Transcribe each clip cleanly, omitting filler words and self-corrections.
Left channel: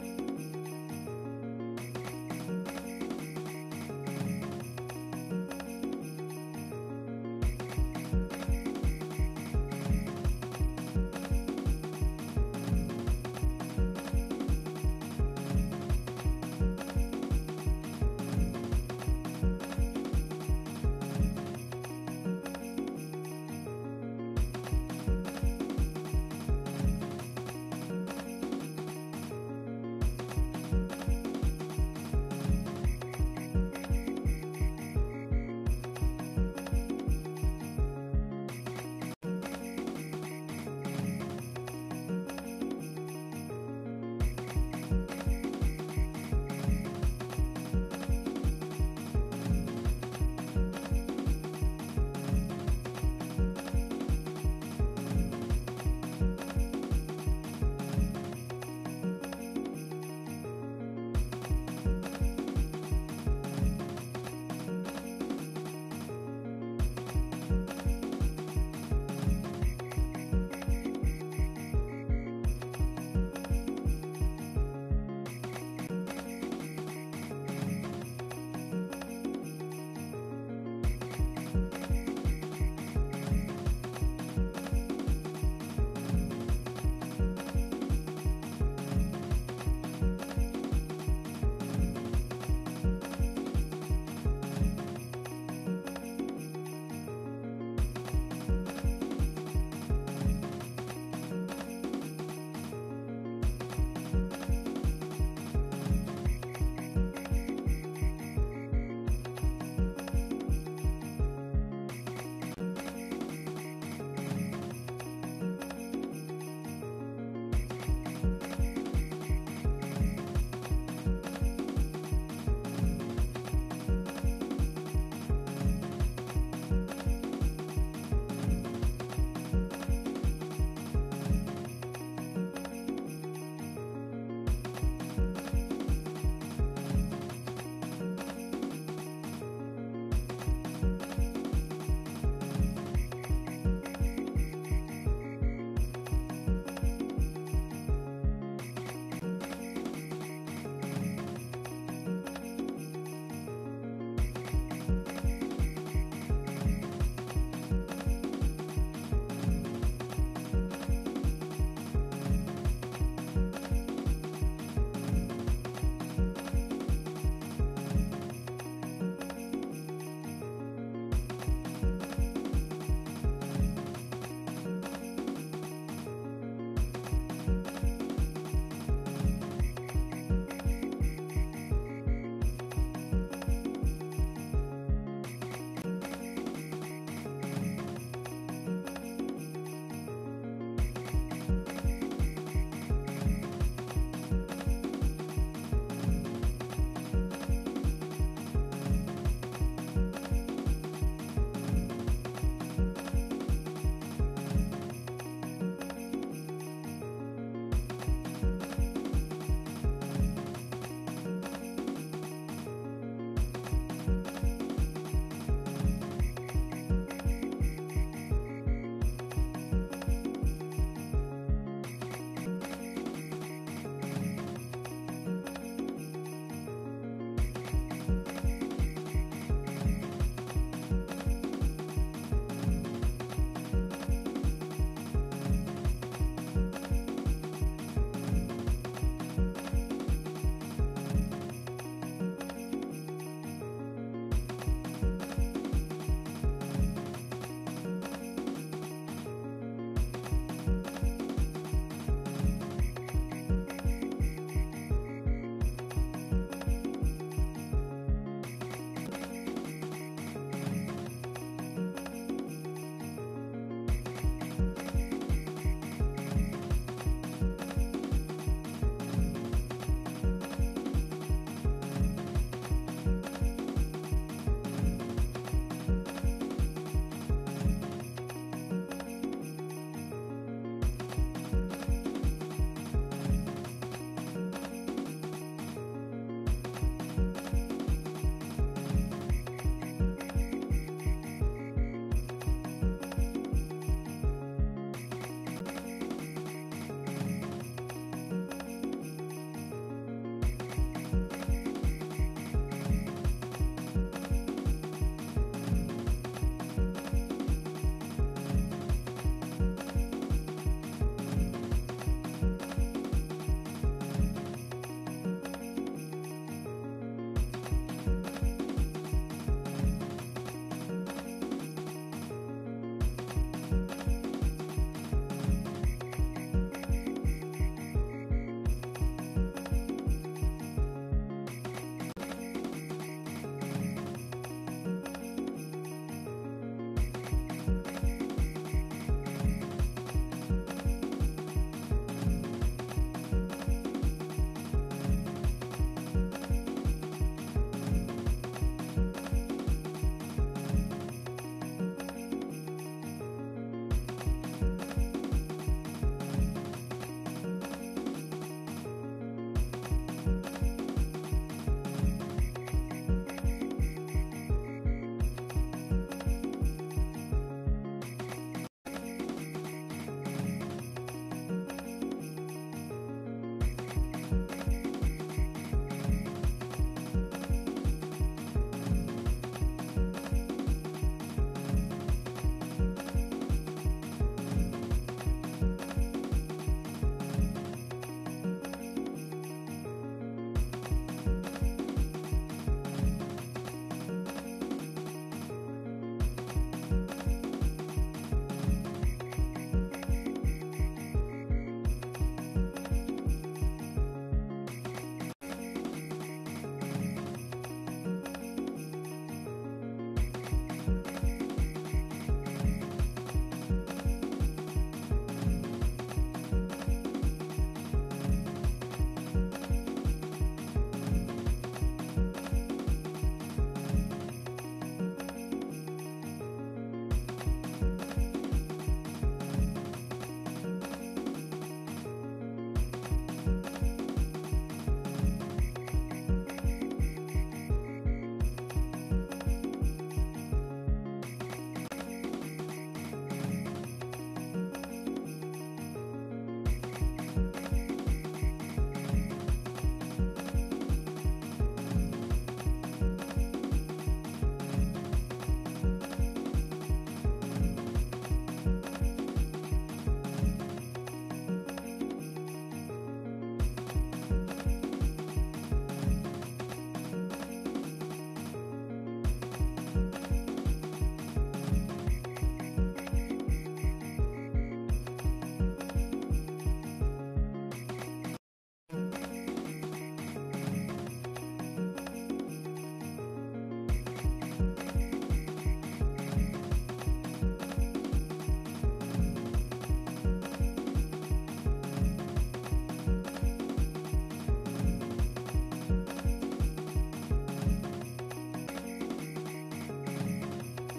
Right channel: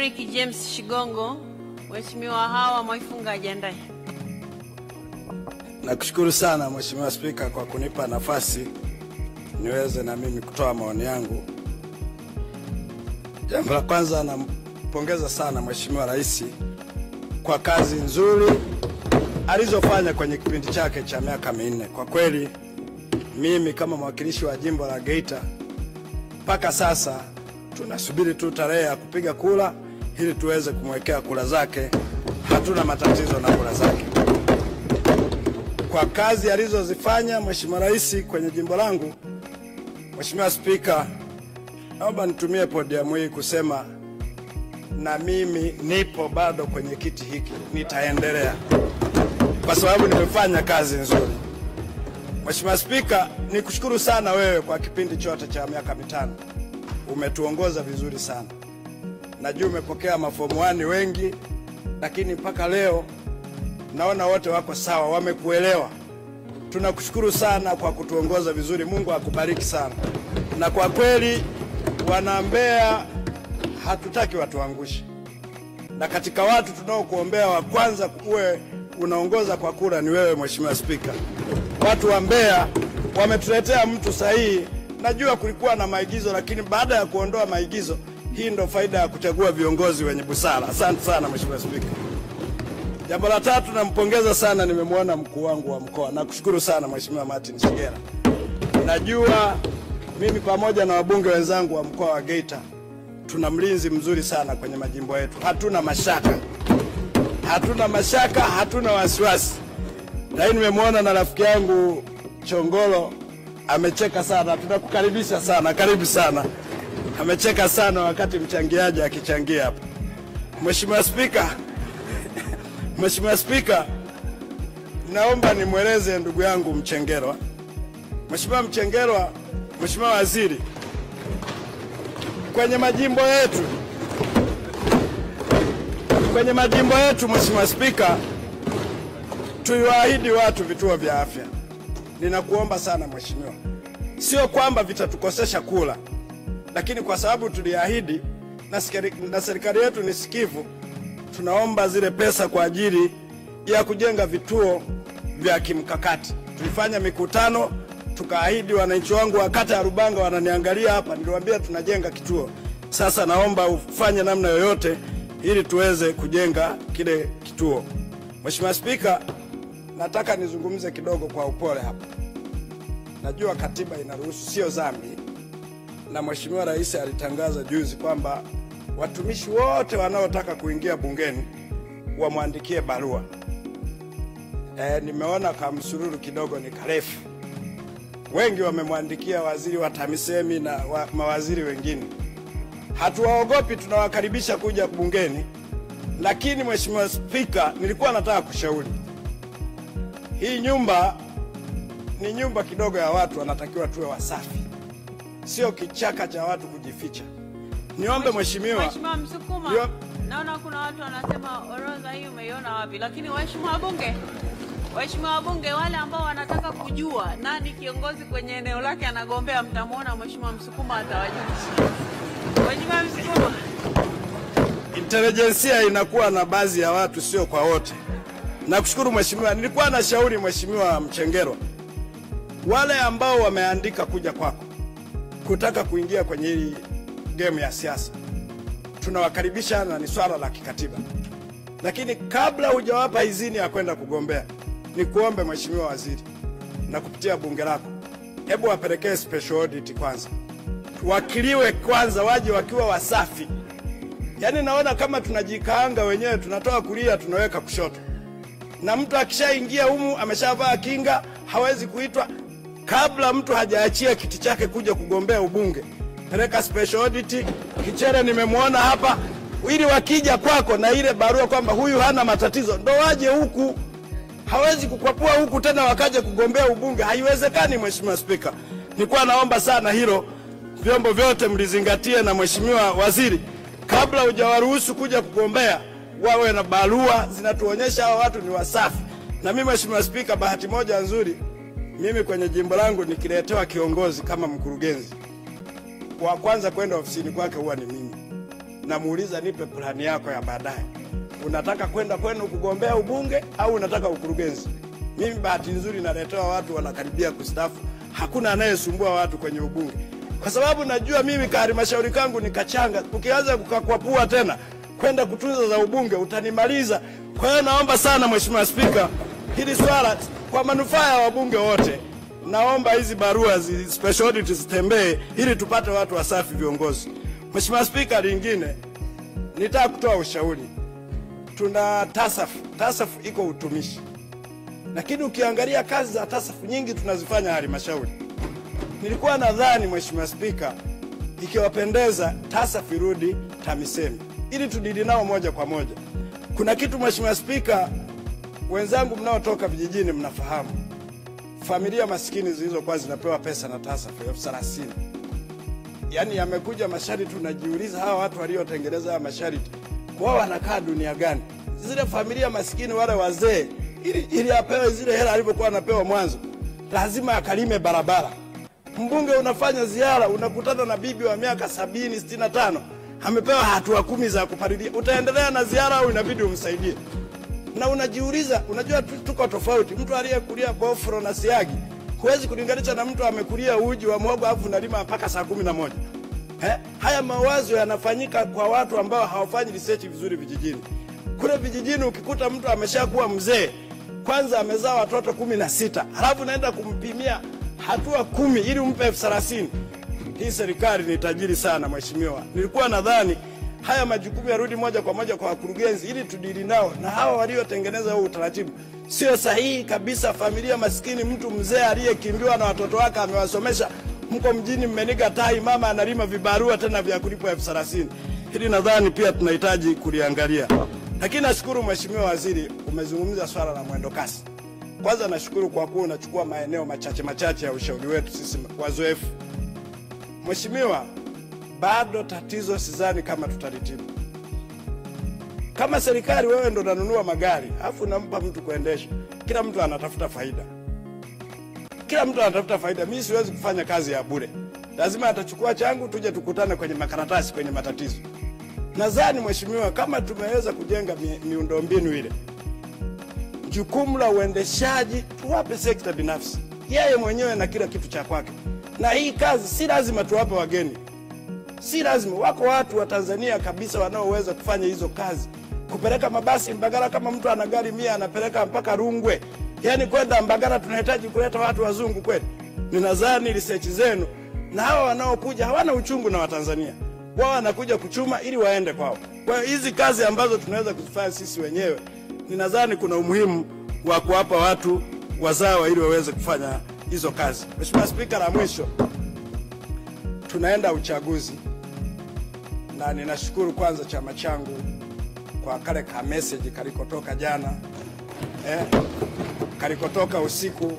Eric James Shigongo, Mheshimiwa Hawa Mwaifunga ajiandae. Nakushukuru sana Mheshimiwa Spika kwa kunipa nafasi niweze na mimi kutoa maoni yangu. Jambo la kwanza, nampongeza sana Mheshimiwa Rais kwa kazi nzuri alizofanya kwenye kipindi chake cha miaka 4. Kwa kweli mimi kama mwakilishi wa jimbo la Geita mpaka sasa tunasubiri tu tarehe ya kupiga kura ili tuweze kumwekea kura zake. Hatuna matatizo na kura zake. Kwa kazi alizozifanya Mheshimiwa Rais kwenye jimbo langu, Mheshimiwa Spika, naomba nitumie podium hii kusema na mimi nipo bado kwenye kiti hiki, nitaendelea kwa sababu nimefanya kazi nzuri. Mheshimiwa Spika, nikushukuru sana wewe kwa kipindi chote cha miaka 5. Umetuongoza vizuri sana. Najua umepokea mafomu 1 wengi, lakini mpaka leo naona wote wako sawa, wamekuelewa. Tunakushukuru sana kwa kutuongoza vizuri. Mungu akubariki sana. Na kwa kweli wana Mbeya hatutaki watuangushe. Na katika watu tunaokuombea wa kwanza kuwe unaongoza kwa kura ni wewe Mheshimiwa Spika. Watu wa Mbeya wametuletea mtu sahihi. Najua kulikuwa na maigizo, lakini baada ya kuondoa maigizo, hii ndio faida ya kuchagua viongozi wenye busara. Asante sana Mheshimiwa Spika. Jambo la tatu, nampongeza sana, nimemwona mkuu wangu wa mkoa. Nakushukuru sana Mheshimiwa Martin Shigera. Najua mimi pamoja na wabunge wenzangu wa mkoa wa Geita tuna mlinzi mzuri sana kwenye majimbo yetu. Hatuna mashaka. Hatuna mashaka, hatuna wasiwasi. Na hii nimemwona na rafiki yangu Chongolo amecheka sana. Tunakukaribisha sana, karibu sana. Amecheka sana wakati mchangiaji akichangia hapa. Mheshimiwa Spika, Mheshimiwa Spika, naomba nimweleze ndugu yangu Mchengerwa. Mheshimiwa Mchengerwa, Mheshimiwa Waziri, kwenye majimbo yetu Mheshimiwa Spika, tuliwaahidi watu vituo vya afya. Ninakuomba sana Mheshimiwa, sio kwamba vitatukosesha kula, lakini kwa sababu tuliahidi na serikali yetu ni sikivu, tunaomba zile pesa kwa ajili ya kujenga vituo vya kimkakati. Tulifanya mikutano, tukaahidi. Wananchi wangu wa kata ya Rubanga wananiangalia hapa, niliwaambia tunajenga kituo. Sasa naomba ufanye namna yoyote ili tuweze kujenga kile kituo. Mheshimiwa Spika, nataka nizungumze kidogo kwa upole hapa. Najua katiba inaruhusu, sio dhambi. Na Mheshimiwa Rais alitangaza juzi kwamba watumishi wote wanaotaka kuingia bungeni wamwandikie barua. Nimeona kama msururu kidogo ni karefu. Wengi wamemwandikia waziri wa TAMISEMI na mawaziri wengine. Hatuwaogopi, tunawakaribisha kuja bungeni. Lakini Mheshimiwa Spika, nilikuwa nataka kushauri. Hii nyumba ni nyumba kidogo ya watu, wanatakiwa tuwe wasafi. Sio kichaka cha watu kujificha. Niombe Mheshimiwa Msukuma, naona kuna watu wanasema orodha hii umeiona wapi? Lakini waheshimiwa wabunge wale ambao wanataka kujua nani kiongozi kwenye eneo lake anagombea, mtamuona Mheshimiwa Msukuma atawajulisha. Mheshimiwa Msukuma, intelijensia inakuwa na baadhi ya watu, sio kwa wote. Nakushukuru Mheshimiwa. Nilikuwa na shauri Mheshimiwa Mchengerwa, wale ambao wameandika kuja kwako kutaka kuingia kwenye hii game ya siasa, tunawakaribisha na ni swala la kikatiba. Lakini kabla hujawapa idhini ya kwenda kugombea, nikuombe Mheshimiwa Waziri na kupitia bunge lako, hebu wapelekee special audit kwanza. Wakiliwe kwanza, waje wakiwa wasafi. Yaani naona kama tunajikaanga wenyewe, tunatoa kulia tunaweka kushoto. Na mtu akishaingia humu ameshavaa kinga, hawezi kuitwa. Kabla mtu hajaachia kiti chake kuja kugombea ubunge, peleka special audit. Kichere nimemwona hapa, ili wakija kwako na ile barua kwamba huyu hana matatizo, ndo waje huku. Hawezi kukwapua huku tena wakaje kugombea ubunge. Haiwezekani Mheshimiwa Spika. Nilikuwa naomba sana hilo vyombo vyote mlizingatie, na Mheshimiwa Waziri, kabla hujawaruhusu kuja kugombea, wawe na barua zinatuonyesha hao watu ni wasafi. Na mimi Mheshimiwa Spika, bahati moja nzuri, mimi kwenye jimbo langu nikiletewa kiongozi kama mkurugenzi, wa kwanza kwenda ofisini kwake huwa ni mimi. namuuliza nipe plani yako ya baadaye. Unataka kwenda kwenu kugombea ubunge au unataka ukurugenzi? Mimi bahati nzuri naletewa watu wanakaribia kustaafu. Hakuna anayesumbua watu kwenye ubunge. Kwa sababu najua mimi halmashauri kangu ni kachanga. Ukianza kukakwapua tena kwenda kutunza za ubunge utanimaliza. Kwa hiyo naomba sana Mheshimiwa Spika, hili swala kwa manufaa ya wabunge wote, naomba hizi barua special audit zitembee ili tupate watu wasafi viongozi. Mheshimiwa Spika, lingine nitaka kutoa ushauri. Tuna TASAF iko utumishi. Lakini ukiangalia kazi za TASAF nyingi tunazifanya halmashauri. Nilikuwa nadhani Mheshimiwa Spika, ikiwapendeza TASAF irudi TAMISEMI ili tudili nao moja kwa moja. Kuna kitu Mheshimiwa Spika, wenzangu mnaotoka vijijini mnafahamu. Familia maskini zilizokuwa zinapewa pesa na TASAF 30,000. Yaani yamekuja masharti, tunajiuliza hawa watu waliotengeneza haya masharti wao wanakaa dunia gani? Zile familia maskini wale wazee ili apewe zile hela alivyokuwa anapewa mwanzo, lazima akalime barabara. Mbunge unafanya ziara unakutana na bibi wa miaka 70, 65, amepewa hatua 10 za kupalilia. Utaendelea na ziara au inabidi umsaidie? Na unajiuliza, unajua tuko tofauti. Mtu aliyekulia bofro na siagi huwezi kulinganisha na mtu amekulia uji wa mhogo afu unalima mpaka saa 11. Haya mawazo yanafanyika kwa watu ambao hawafanyi research vizuri vijijini. Kule vijijini ukikuta mtu ameshakuwa mzee, kwanza amezaa watoto 16, halafu naenda kumpimia hatua 10 ili umpe 30,000. Hii serikali ni tajiri sana Mheshimiwa. Nilikuwa nadhani haya majukumu yarudi moja kwa moja kwa wakurugenzi ili tudili nao, na hawa waliotengeneza huu utaratibu sio sahihi kabisa. Familia maskini, mtu mzee aliyekimbiwa na watoto wake amewasomesha, mko mjini mmeniga tai, mama analima vibarua tena vya kulipwa 30,000. Hili nadhani pia tunahitaji kuliangalia. Lakini nashukuru Mheshimiwa Waziri, umezungumza swala la mwendo kasi. Kwanza nashukuru kwa kuwa unachukua maeneo machache ya ushauri wetu sisi wazoefu. Mheshimiwa, bado tatizo sidhani kama tutalitibu. Kama serikali wewe ndo unanunua magari, afu unampa mtu kuendesha. Kila mtu anatafuta faida. Mimi siwezi kufanya kazi ya bure. Lazima atachukua changu tuje tukutane kwenye makaratasi kwenye matatizo. Nadhani Mheshimiwa, kama tumeweza kujenga miundombinu ile, jukumu la uendeshaji tuwape sekta binafsi. Yeye mwenyewe na kila kitu cha kwake. Na hii kazi si lazima tuwape wageni. Si lazima. Wako watu wa Tanzania kabisa wanaoweza kufanya hizo kazi. Kupeleka mabasi Mbagala, kama mtu ana gari 100 anapeleka mpaka Rungwe. Yaani kwenda Mbagala tunahitaji kuleta watu wazungu kweli. Ninadhani research zenu na hawa wanaokuja hawana uchungu na Watanzania. Wao wanakuja kuchuma ili waende kwao. Kwa hiyo hizi kazi ambazo tunaweza kuzifanya sisi wenyewe, ninadhani kuna umuhimu wa kuwapa watu wazawa ili waweze kufanya hizo kazi. Mheshimiwa Spika, la mwisho, tunaenda uchaguzi. Na ninashukuru kwanza chama changu kwa kale ka message kalikotoka jana. Kalikotoka usiku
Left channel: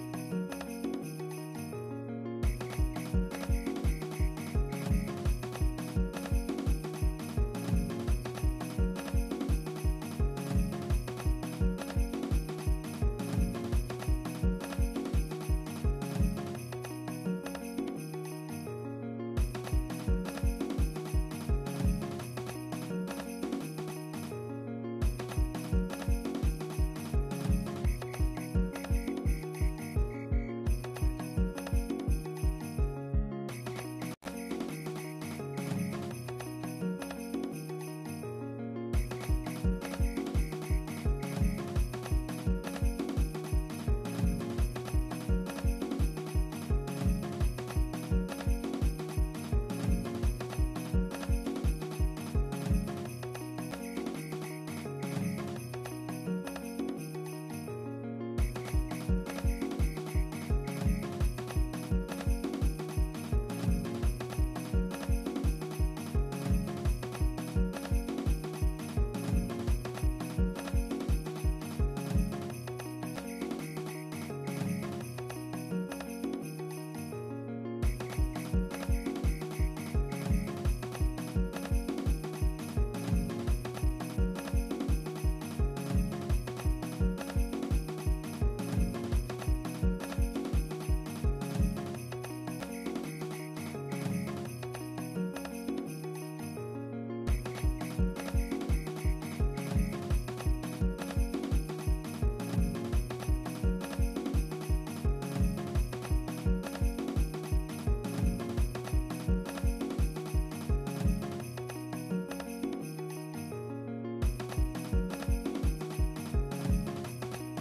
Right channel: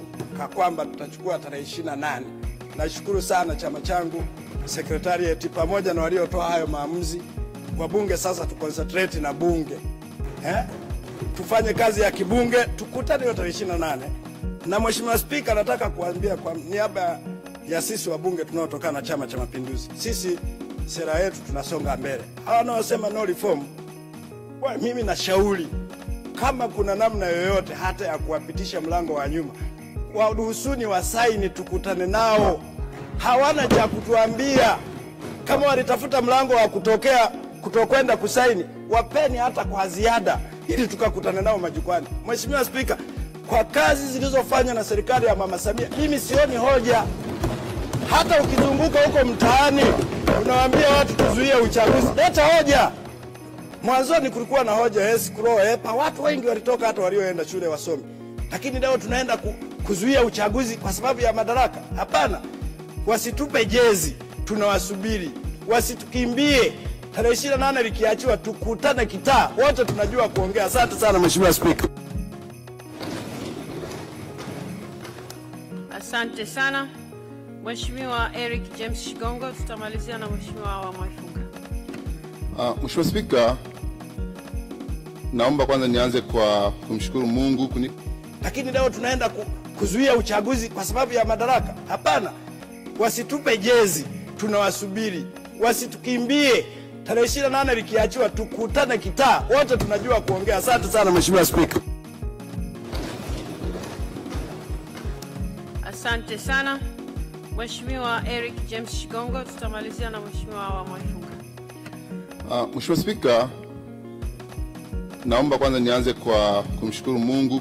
kwamba tutachukua tarehe 28. Nashukuru sana chama changu, secretariat pamoja na waliotoa hayo maamuzi. Wabunge sasa tuconcentrate na bunge. Tufanye kazi ya kibunge, tukutane tarehe 28. Na Mheshimiwa Spika, nataka kuambia kwa niaba ya sisi wabunge tunaotokana na Chama cha Mapinduzi, sisi sera yetu tunasonga mbele. Hawa wanaosema no reform, mimi nashauri kama kuna namna yoyote hata ya kuwapitisha mlango wa nyuma, waruhusuni wasaini tukutane nao. Hawana cha kutuambia. Kama walitafuta mlango wa kutokwenda kusaini, wapeni hata kwa ziada ili tukakutane nao majukwani. Mheshimiwa Spika, kwa kazi zilizofanywa na serikali ya Mama Samia, mimi sioni hoja. Hata ukizunguka huko mtaani unawaambia watu tuzuie uchaguzi, leta hoja. Mwanzoni kulikuwa na hoja watu wengi walitoka hata walioenda shule wasomi. Lakini leo tunaenda kuzuia uchaguzi kwa sababu ya madaraka? Hapana. Wasitupe jezi, tunawasubiri. Wasitukimbie. Tarehe 28 likiachiwa tukutane kitaa. Wote tunajua kuongea. Asante sana Mheshimiwa Spika. Asante sana Mheshimiwa Eric James Shigongo. Tutamalizia na Mheshimiwa wa Mwafuka. Mheshimiwa Spika, naomba kwanza nianze kwa kumshukuru Mungu Lakini leo tunaenda kuzuia uchaguzi kwa sababu ya madaraka? Hapana. Wasitupe jezi, tunawasubiri. Wasitukimbie. Tarehe 28 likiachiwa tukutane kitaa, wote tunajua kuongea. Asante sana Mheshimiwa Spika. Asante sana Mheshimiwa Eric James Shigongo. Tutamalizia na Mheshimiwa wa Mwachuka. Mheshimiwa Spika, naomba kwanza nianze kwa kumshukuru Mungu